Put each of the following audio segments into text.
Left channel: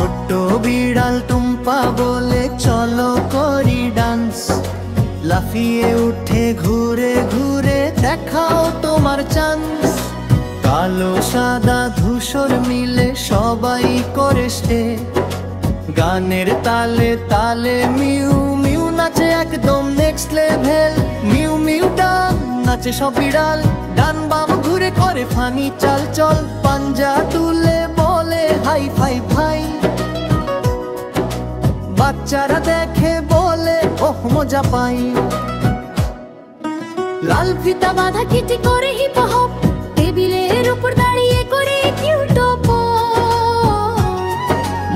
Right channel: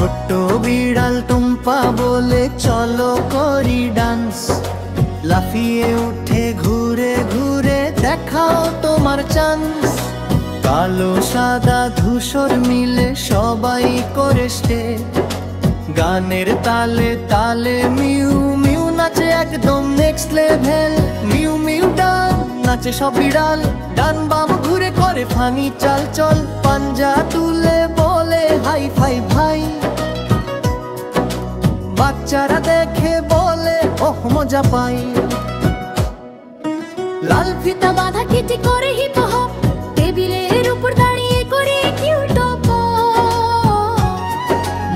ছোট্ট বিড়াল টুম্পা বলে চলো করি ডান্স, লাফিয়ে উঠে ঘুরে ঘুরে দেখাও তোমার চান্স। কালো সাদা ধূসর মিলে সবাই করে স্টেপ, গানের তালে তালে মিউ মিউ নাচে একদম নেক্সট লেভেল। মিউ মিউ ডান নাচে সব বিড়াল, ডান বাম ঘুরে করে ফানি চাল চল, পাঞ্জা তুলে বলে হাই ফাই ভাই। বাচ্চারা দেখে বলে ওহ মজা পাই। লাল ফিতা বাঁধা কিটি করে হিপ হপ, টেবিলের উপর দাঁড়িয়ে করে কিউটপ।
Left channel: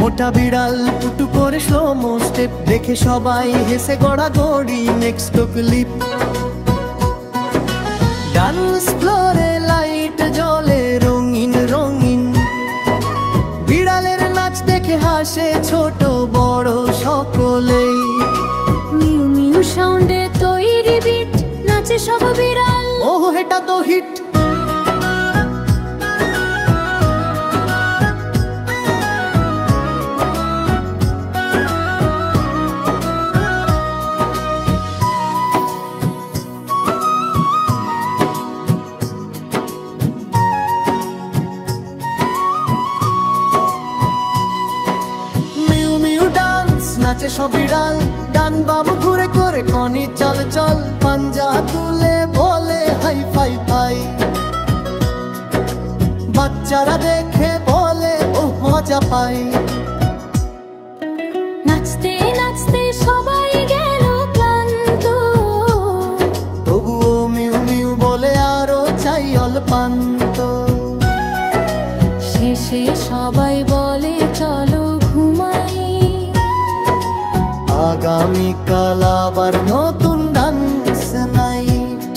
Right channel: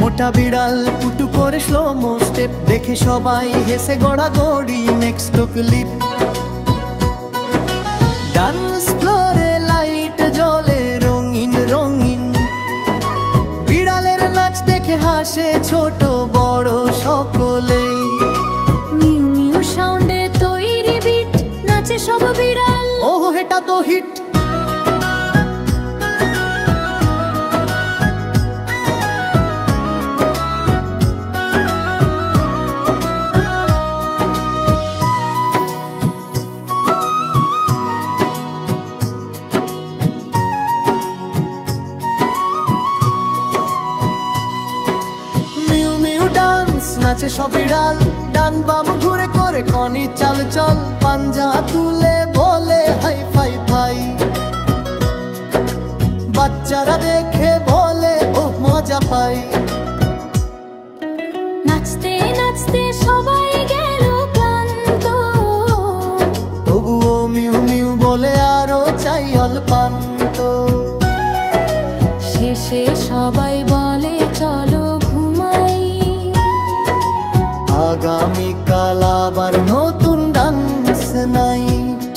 মোটা বিড়াল পুটু করে স্লো মো স্টেপ, দেখে সবাই হেসে গড়াগড়ি নেক্সট ক্লিপ। ডান্স ফ্লোরে লাইট জ্বলে রঙিন রঙিন, বিড়ালের নাচ দেখে হাসে ছোট বড় সকলেই। মিউ মিউ সাউন্ডে তৈরি বিট, নাচে সব বিড়াল। ওহ এটা তো হিট। নাচে সব বিড়াল, ডান বাম ঘুরে করে কনি চাল চল, পাঞ্জা তুলে বলে হাই ফাই ফাই। বাচ্চারা দেখে বলে ওহ মজা পাই। নাচতে নাচতে সবাই গেল ক্লান্ত, তবুও মিউ মিউ বলে আরো চাই অল্পান্ত। শেষে সবাই বলে চলো ঘুমাই, আগামীকাল আবার নতুন ডান্স নাইট।